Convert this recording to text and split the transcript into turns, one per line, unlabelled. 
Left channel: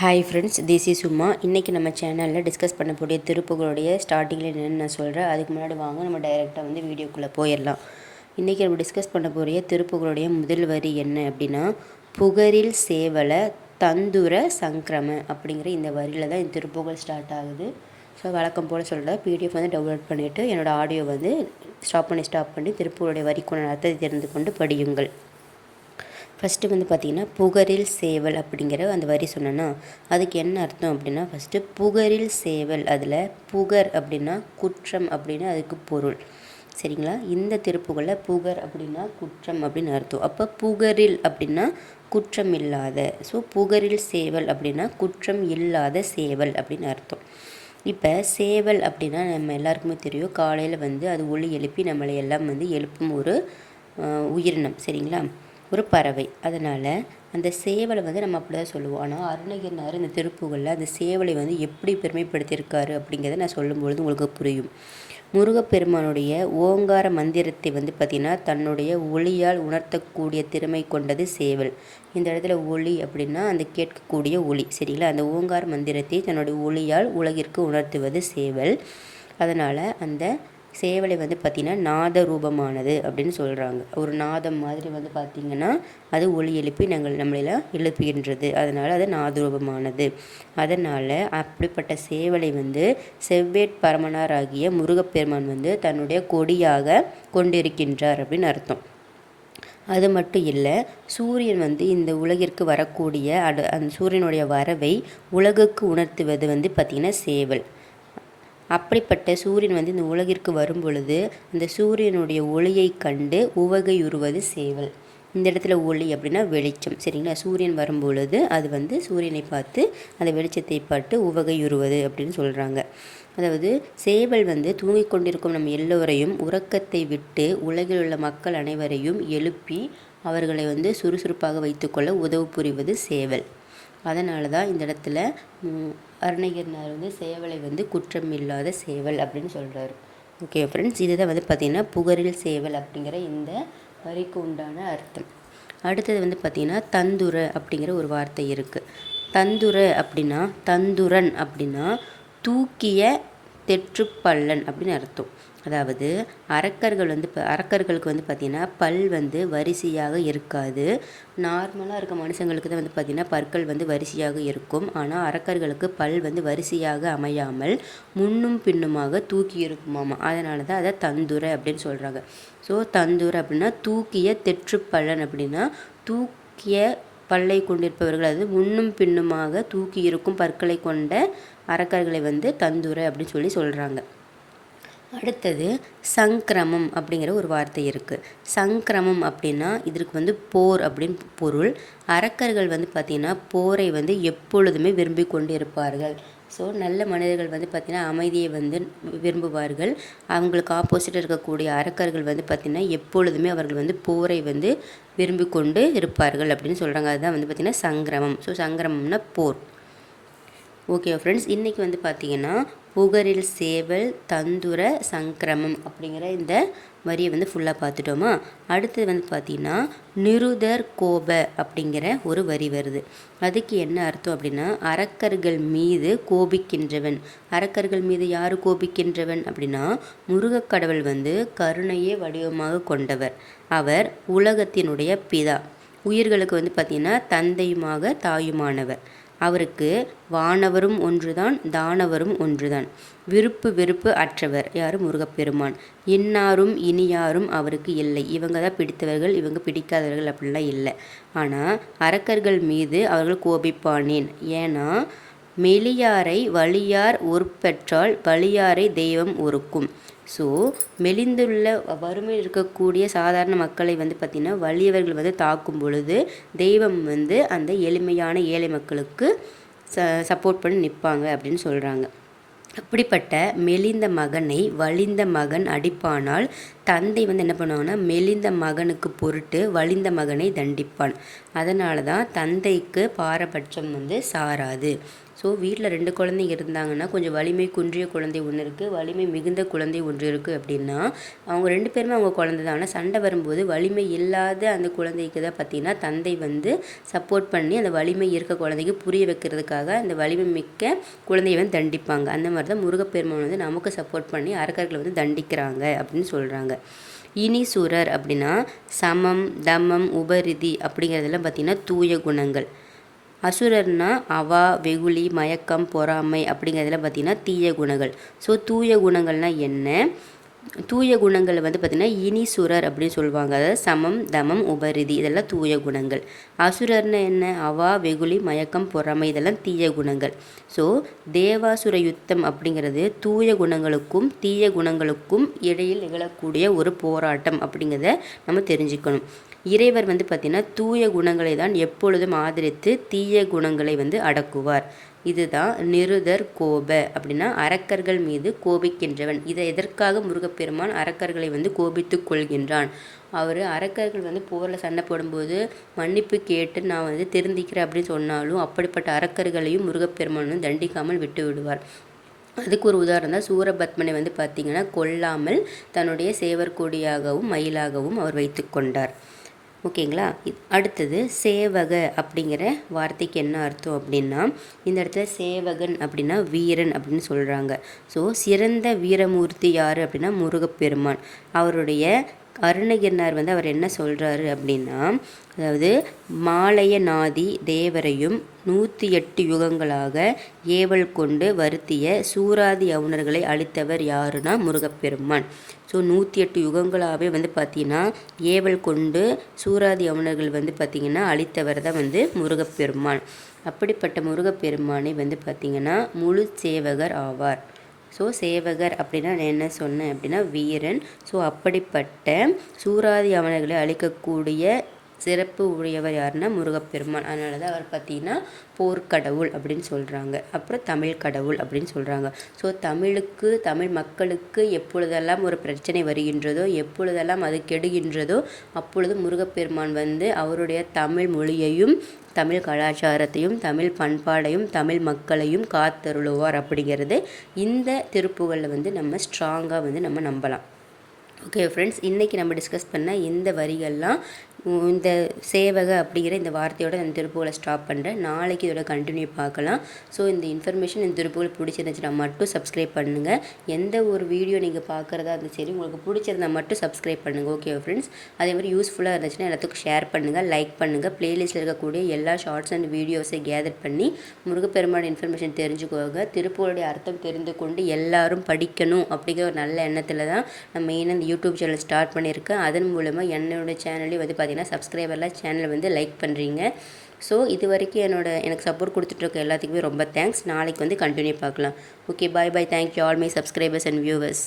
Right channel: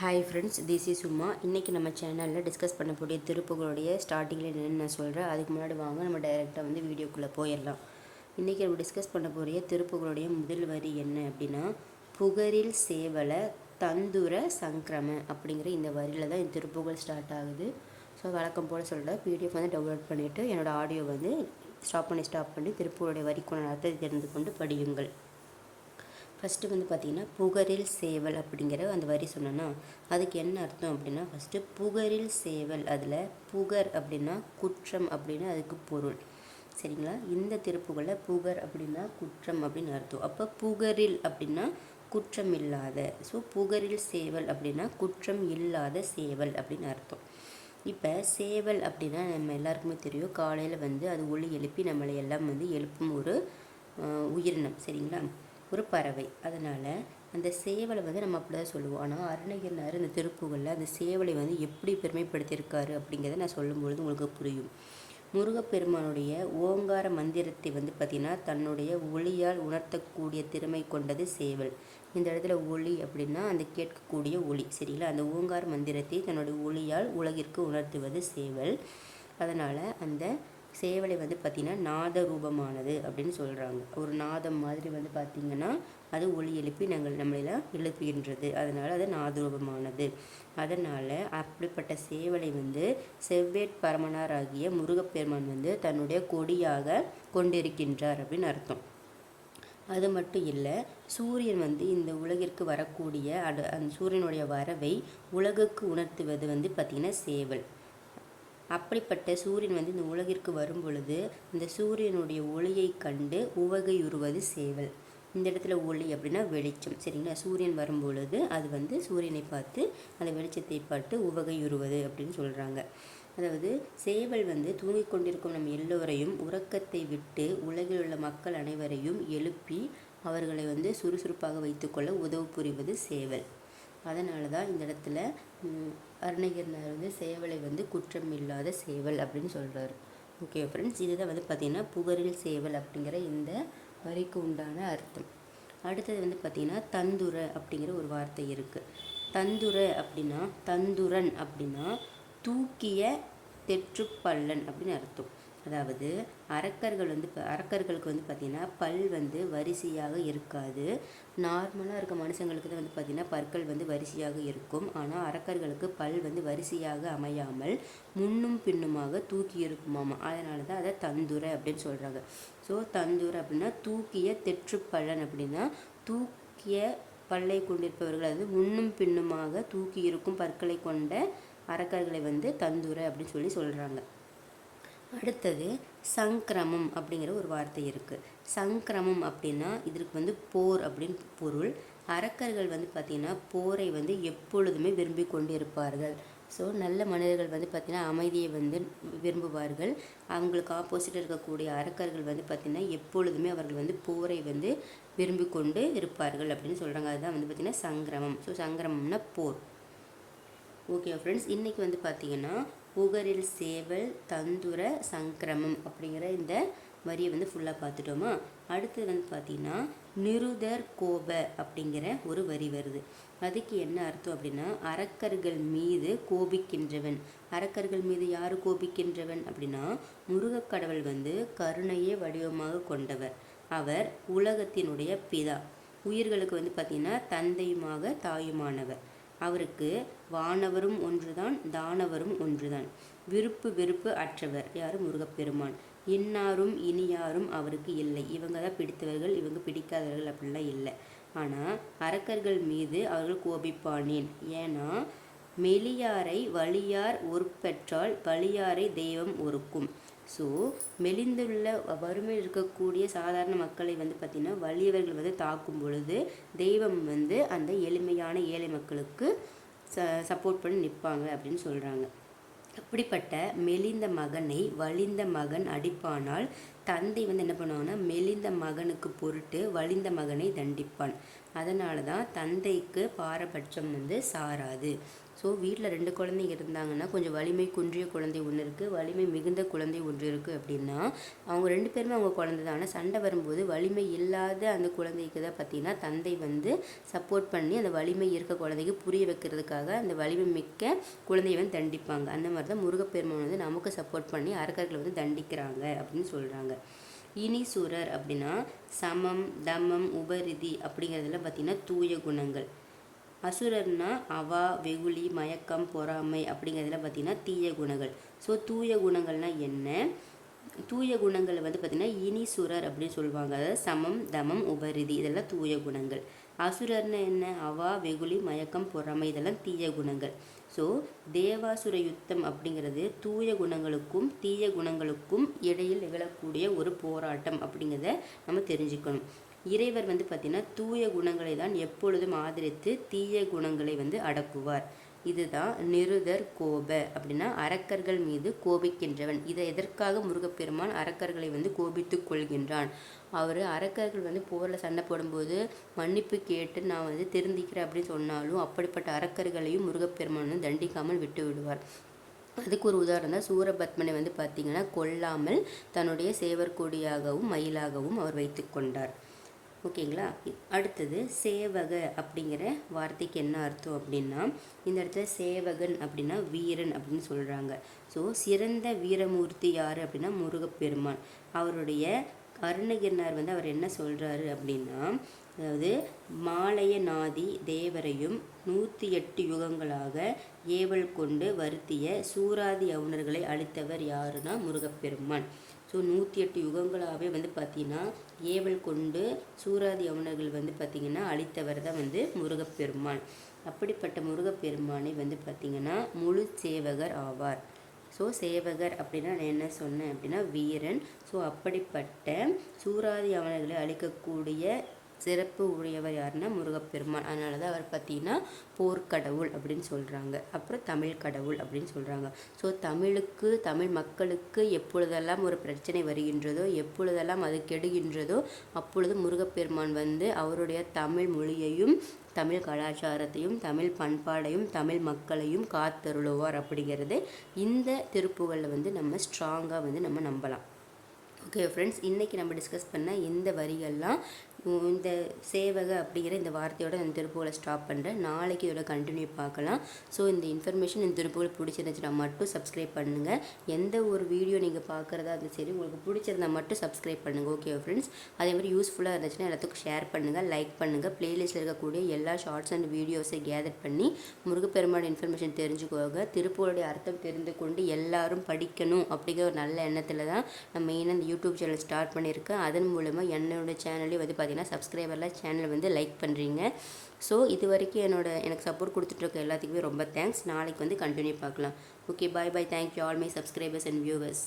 Hi friends this is சும்மா இன்றைக்கி நம்ம சேனலில் டிஸ்கஸ் பண்ணக்கூடிய திருப்புகளுடைய ஸ்டார்டிங்கில் என்னென்னு நான் சொல்கிறேன் அதுக்கு முன்னாடி வாங்க நம்ம டைரெக்டாக வந்து வீடியோக்குள்ளே போயிடலாம். இன்றைக்கி நம்ம டிஸ்கஸ் பண்ண போகிற திருப்புகளுடைய முதல் வரி என்ன அப்படின்னா புகரில் சேவலை தந்துர சங்கிரம அப்படிங்கிற இந்த வரியில் தான் இந்த திருப்புகள் ஸ்டார்ட் ஆகுது. ஸோ வழக்கம் போல் சொல்கிறேன் பிடிஎஃப் வந்து டவுன்லோட் பண்ணிவிட்டு என்னோடய ஆடியோ வந்து ஸ்டாப் பண்ணி ஸ்டாப் பண்ணி திருப்புகளுடைய வரிக்குள்ள அர்த்தத்தை தெரிந்து கொண்டு படியுங்கள். ஃபஸ்ட்டு வந்து பார்த்திங்கன்னா புகரில் சேவல் அப்படிங்கிற அந்த வரி சொன்னேன்னா அதுக்கு என்ன அர்த்தம் அப்படின்னா ஃபஸ்ட்டு புகரில் சேவல் அதில் புகர் அப்படின்னா குற்றம் அப்படின்னு அதுக்கு பொருள். சரிங்களா? இந்த திருப்புகளில் புகர் அப்படின்னா குற்றம் அப்படின்னு அர்த்தம். அப்போ புகரில் அப்படின்னா குற்றம் இல்லாத. ஸோ புகரில் சேவல் அப்படின்னா குற்றம் இல்லாத சேவல் அப்படின்னு அர்த்தம். இப்போ சேவல் அப்படின்னா நம்ம எல்லாருக்குமே தெரியும். காலையில் வந்து அது ஒளி எழுப்பி நம்மளை எல்லாம் வந்து எழுப்பும் ஒரு உயிரினம். சரிங்களா? ஒரு பறவை. அதனால் அந்த சேவலை வந்து நம்ம அப்படி தான் சொல்லுவோம். ஆனால் அருணகிரினார் இந்த திருப்புகளில் அந்த சேவலை வந்து எப்படி பெருமைப்படுத்தியிருக்காரு அப்படிங்கிறத நான் சொல்லும்பொழுது உங்களுக்கு புரியும். முருகப்பெருமானுடைய ஓங்கார மந்திரத்தை வந்து பார்த்திங்கன்னா தன்னுடைய ஒளியால் உணர்த்தக்கூடிய திறமை கொண்டது சேவல். இந்த இடத்துல ஒளி அப்படின்னா அந்த கேட்கக்கூடிய ஒளி. சரிங்களா? அந்த ஓங்கார மந்திரத்தை தன்னுடைய ஒளியால் உலகிற்கு உணர்த்துவது சேவல். அதனால் அந்த சேவலை வந்து பார்த்திங்கன்னா நாத ரூபமானது அப்படின்னு சொல்கிறாங்க ஒரு நாதம் மாதிரி வந்து பார்த்திங்கன்னா அது ஒளி எழுப்பி நாங்கள் நம்மளெல்லாம் எழுப்புகின்றது. அதனால் அது நாத ரூபமானது அதனால் அப்படிப்பட்ட சேவலை வந்து செவ்வேட் பரமனார் ஆகிய முருகப்பெருமான் வந்து தன்னுடைய கொடியாக கொண்டிருக்கின்றார் அப்படின்னு அர்த்தம். அது மட்டும் இல்லை சூரியன் வந்து இந்த உலகிற்கு வரக்கூடிய அடு அந்த சூரியனுடைய வரவை உலகுக்கு உணர்த்துவது வந்து பார்த்திங்கன்னா சேவல். அப்படிப்பட்ட சூரியன் வந்து இந்த உலகிற்கு வரும் பொழுது அந்த சூரியனுடைய ஒளியை கண்டு உவகையுறுவது சேவல். இந்த இடத்துல ஒளி அப்படின்னா வெளிச்சம் சரிங்களா? சூரியன் வரும் பொழுது அது வந்து சூரியனை பார்த்து அந்த வெளிச்சத்தை பார்த்து உவகையுறுவது அப்படின்னு சொல்கிறாங்க அதாவது சேவல் வந்து தூங்கிக் கொண்டிருக்கும் நம் எல்லோரையும் உறக்கத்தை விட்டு உலகில் உள்ள மக்கள் அனைவரையும் எழுப்பி அவர்களை வந்து சுறுசுறுப்பாக வைத்துக்கொள்ள உதவு புரிவது சேவல். அதனால தான் இந்த இடத்துல அருணகிரினார் வந்து சேவலை வந்து குற்றம் இல்லாத சேவல் அப்படின்னு சொல்கிறாரு ஓகே ஃப்ரெண்ட்ஸ் இதுதான் வந்து பார்த்திங்கன்னா புகரில் சேவல் அப்படிங்கிற இந்த வரிக்கு உண்டான அர்த்தம். அடுத்தது வந்து பார்த்திங்கன்னா தந்துர அப்படிங்கிற ஒரு வார்த்தை இருக்குது தந்துர அப்படின்னா தந்துரன் அப்படின்னா தூக்கிய தெற்றுப்பள்ளன் அப்படின்னு அர்த்தம். அதாவது அரக்கர்கள் வந்து இப்போ அரக்கர்களுக்கு வந்து பார்த்திங்கன்னா பல் வந்து வரிசையாக இருக்காது. நார்மலாக இருக்க மனுஷங்களுக்கு தான் வந்து பார்த்திங்கன்னா பற்கள் வந்து வரிசையாக இருக்கும். ஆனால் அரக்கர்களுக்கு பல் வந்து வரிசையாக அமையாமல் முன்னும் பின்னுமாக தூக்கி இருக்குமாமா. அதனால தான் அதை தந்துரை அப்படின்னு சொல்கிறாங்க ஸோ தந்துரை அப்படின்னா தூக்கிய தெற்று பலன் அப்படின்னா தூக்கிய பல்லை கொண்டிருப்பவர்கள் அதாவது முன்னும் பின்னுமாக தூக்கி இருக்கும் பற்களை கொண்ட அரக்கர்களை வந்து தந்துரை அப்படின்னு சொல்லி சொல்கிறாங்க அடுத்தது சங்கிரமம் அப்படிங்கிற ஒரு வார்த்தை இருக்குது சங்கிரமம் அப்படின்னா இதற்கு வந்து போர் அப்படின்னு பொருள். அரக்கர்கள் வந்து பார்த்திங்கன்னா போரை வந்து எப்பொழுதுமே விரும்பி கொண்டு இருப்பார்கள் ஸோ நல்ல மனிதர்கள் வந்து பார்த்திங்கன்னா அமைதியை வந்து விரும்புவார்கள். அவங்களுக்கு ஆப்போசிட்டாக இருக்கக்கூடிய அரக்கர்கள் வந்து பார்த்திங்கன்னா எப்பொழுதுமே அவர்கள் வந்து போரை வந்து விரும்பி கொண்டு இருப்பார்கள் அப்படின்னு சொல்கிறாங்க அதுதான் வந்து பார்த்திங்கன்னா சங்கிரமம். ஸோ சங்கிரமம்னா போர். ஓகே ஃப்ரெண்ட்ஸ் இன்றைக்கி வந்து பார்த்திங்கன்னா உகரில் சேவல் தந்துர சங்கிரமம் அப்படிங்கிற இந்த வரியை வந்து ஃபுல்லாக பார்த்துட்டோமா? அடுத்தது வந்து பார்த்திங்கன்னா நிருதர் கோப அப்படிங்கிற ஒரு வரி வருது. அதுக்கு என்ன அர்த்தம் அப்படின்னா அரக்கர்கள் மீது கோபிக்கின்றவன். அரக்கர்கள் மீது யார் கோபிக்கின்றவன் அப்படின்னா முருகக்கடவுள் வந்து கருணையே வடிவமாக கொண்டவர். அவர் உலகத்தினுடைய பிதா. உயிர்களுக்கு வந்து பார்த்திங்கன்னா தந்தையுமாக தாயுமானவர். அவருக்கு வானவரும் ஒன்றுதான் தானவரும் ஒன்றுதான். விருப்பு வெறுப்பு அற்றவர். யார்? முருகப்பெருமான். இன்னாரும் இனியாரும் அவருக்கு இல்லை. இவங்க தான் பிடித்தவர்கள் இவங்க பிடிக்காதவர்கள் அப்படிலாம் இல்லை. ஆனால் அரக்கர்கள் மீது அவர்கள் கோபிப்பானேன். ஏன்னா மெலியாரை வலியார் உருப்பெற்றால் வலியாரை தெய்வம் ஒருக்கும். ஸோ மெலிந்துள்ள வறுமையில் இருக்கக்கூடிய சாதாரண மக்களை வந்து பார்த்திங்கன்னா வலியவர்கள் வந்து தாக்கும் பொழுது தெய்வம் வந்து அந்த எளிமையான ஏழை மக்களுக்கு ச சப்போர்ட் பண்ணி நிற்பாங்க அப்படின்னு சொல்கிறாங்க அப்படிப்பட்ட மெலிந்த மகனை வலிந்த மகன் அடிப்பானால் தந்தை வந்து என்ன பண்ணுவாங்கன்னா மெலிந்த மகனுக்கு பொருட்டு வலிந்த மகனை தண்டிப்பான். அதனால தான் தந்தைக்கு பாரபட்சம் வந்து சாராது. ஸோ வீட்டில் ரெண்டு குழந்தைங்க இருந்தாங்கன்னா கொஞ்சம் வலிமை குன்றிய குழந்தை ஒன்று இருக்குது வலிமை மிகுந்த குழந்தை ஒன்று இருக்குது அப்படின்னா அவங்க ரெண்டு பேருமே அவங்க குழந்தை தான். ஆனால் சண்டை வரும்போது வலிமை இல்லாத அந்த குழந்தைக்கு தான் பார்த்திங்கன்னா தந்தை வந்து சப்போர்ட் பண்ணி அந்த வலிமை இருக்க குழந்தைக்கு புரிய வைக்கிறதுக்காக அந்த வலிமை மிக்க குழந்தையை வந்து தண்டிப்பாங்க. அந்த மாதிரி தான் முருகப்பெருமான் வந்து நமக்கு சப்போர்ட் பண்ணி அரக்கர்களை வந்து தண்டிக்கிறாங்க அப்படின்னு சொல்கிறாங்க இனி சுரர் அப்படின்னா சமம் தமம் உபரிதி அப்படிங்கிறதெல்லாம் பார்த்திங்கன்னா தூய குணங்கள். அசுரர்னா அவா வெகுளி மயக்கம் பொறாமை அப்படிங்கிறதுல பார்த்திங்கன்னா தீய குணங்கள். ஸோ தூய குணங்கள்னால் என்ன? தூய குணங்கள் வந்து பார்த்திங்கன்னா இனிசுரர் அப்படின்னு சொல்லுவாங்க. அதாவது சமம் தமம் உபரிதி இதெல்லாம் தூய குணங்கள். அசுரர்னு என்ன? அவா வெகுளி மயக்கம் பொறாமை இதெல்லாம் தீய குணங்கள். ஸோ தேவாசுர யுத்தம் அப்படிங்கிறது தூய குணங்களுக்கும் தீய குணங்களுக்கும் இடையில் நிகழக்கூடிய ஒரு போராட்டம் அப்படிங்கிறத நம்ம தெரிஞ்சுக்கணும். இறைவர் வந்து பார்த்திங்கன்னா தூய குணங்களை தான் எப்பொழுதும் ஆதரித்து தீய குணங்களை வந்து அடக்குவார். இதுதான் நிருதர் கோப அப்படின்னா அரக்கர்கள் மீது கோபிக்கின்றவன். இதை எதற்காக முருகப்பெருமான் அரக்கர்களை வந்து கோபித்து கொள்கின்றான்? அவர் அரக்கர்கள் வந்து போரில் சண்டை போடும்போது மன்னிப்பு கேட்டு நான் வந்து திருந்திக்கிறேன் அப்படின்னு சொன்னாலும் அப்படிப்பட்ட அரக்கர்களையும் முருகப்பெருமான் தண்டிக்காமல் விட்டு விடுவார். அதுக்கு ஒரு உதாரணம் தான் சூரபத்மனை வந்து பார்த்திங்கன்னா கொல்லாமல் தன்னுடைய சேவர் கொடியாகவும் மயிலாகவும் அவர் வைத்து கொண்டார். ஓகேங்களா? அடுத்தது சேவக அப்படிங்கிற வார்த்தைக்கு என்ன அர்த்தம் அப்படின்னா இந்த இடத்துல சேவகன் அப்படின்னா வீரன் அப்படின்னு சொல்கிறாங்க ஸோ சிறந்த வீரமூர்த்தி யார் அப்படின்னா முருகப்பெருமான். அவருடைய அருணகிரினார் வந்து அவர் என்ன சொல்கிறாரு அப்படின்னா அதாவது மாலைய நாதி தேவரையும் நூற்றி எட்டு யுகங்களாக ஏவல் கொண்டு வருத்திய சூராதி அவுணர்களை அழித்தவர் யாருன்னா முருகப்பெருமான். ஸோ நூற்றி எட்டு யுகங்களாகவே வந்து பார்த்திங்கன்னா ஏவல் கொண்டு சூராதி அவுணர்கள் வந்து பார்த்திங்கன்னா அழித்தவர் தான் வந்து முருகப்பெருமான். அப்படிப்பட்ட முருகப்பெருமானை வந்து பார்த்திங்கன்னா முழு சேவகர் ஆவார். ஸோ சேவகர் அப்படின்னா நான் என்ன சொன்னேன் அப்படின்னா வீரன். ஸோ அப்படிப்பட்ட சூராதி அவனர்களை அழிக்கக்கூடிய சிறப்பு உடையவர் யாருன்னா முருகப்பெருமான். அதனால தான் அவர் பார்த்தீங்கன்னா போர்க்கடவுள் அப்படின்னு சொல்கிறாங்க அப்புறம் தமிழ் கடவுள் அப்படின்னு சொல்கிறாங்க ஸோ தமிழுக்கு தமிழ் மக்களுக்கு எப்பொழுதெல்லாம் ஒரு பிரச்சனை வருகின்றதோ எப்பொழுதெல்லாம் அது கெடுகின்றதோ அப்பொழுது முருகப்பெருமான் வந்து அவருடைய தமிழ் மொழியையும் தமிழ் கலாச்சாரத்தையும் தமிழ் பண்பாடையும் தமிழ் மக்களையும் காத்தருளுவார் அப்படிங்கிறது இந்த திருப்புகளில் வந்து நம்ம ஸ்ட்ராங்காக வந்து நம்ம நம்பலாம். ஓகே ஃப்ரெண்ட்ஸ் இன்றைக்கி நம்ம டிஸ்கஸ் பண்ண இந்த வரிகள்லாம் இந்த சேவக அப்படிங்கிற இந்த வார்த்தையோட நான் திருப்புகளை ஸ்டாப் பண்ணுறேன் நாளைக்கு இதோட கண்டினியூ பார்க்கலாம். ஸோ இந்த இன்ஃபர்மேஷன் இந்த திருப்புகள் பிடிச்சிருந்துச்சுன்னா மட்டும் சப்ஸ்கிரைப் பண்ணுங்கள் எந்த ஒரு வீடியோ நீங்கள் பார்க்குறதா இருந்தாலும் சரி உங்களுக்கு பிடிச்சிருந்தா மட்டும் சப்ஸ்கிரைப் பண்ணுங்கள் ஓகே ஃப்ரெண்ட்ஸ் அதே மாதிரி யூஸ்ஃபுல்லாக இருந்துச்சுன்னா எல்லாத்துக்கும் ஷேர் பண்ணுங்கள் லைக் பண்ணுங்கள் ப்ளேலிஸ்ட்டில் இருக்கக்கூடிய எல்லா ஷார்ட்ஸ் அண்ட் வீடியோஸை கேதர் பண்ணி முருகப்பெருமான இன்ஃபர்மேஷன் தெரிஞ்சுக்கோங்க. திருப்பூருடைய அர்த்தம் தெரிந்து கொண்டு எல்லாரும் படிக்கணும் அப்படிங்கிற ஒரு நல்ல எண்ணத்தில் தான் நான் மெயினாக இந்த யூடியூப் சேனல் ஸ்டார்ட் பண்ணியிருக்கேன். அதன் மூலமாக என்னோடய சேனலையும் வந்து பார்த்திங்கன்னா பார்த்தீங்கன்னா சப்ஸ்கிரைபர்லாம் சேனலை வந்து லைக் பண்ணுறீங்க ஸோ இது வரைக்கும் என்னோட எனக்கு சப்போர்ட் கொடுத்துட்ருக்க எல்லாத்துக்குமே ரொம்ப தேங்க்ஸ் நாளைக்கு வந்து கண்டினியூ பார்க்கலாம். Okay bye bye thank you all my subscribers and viewers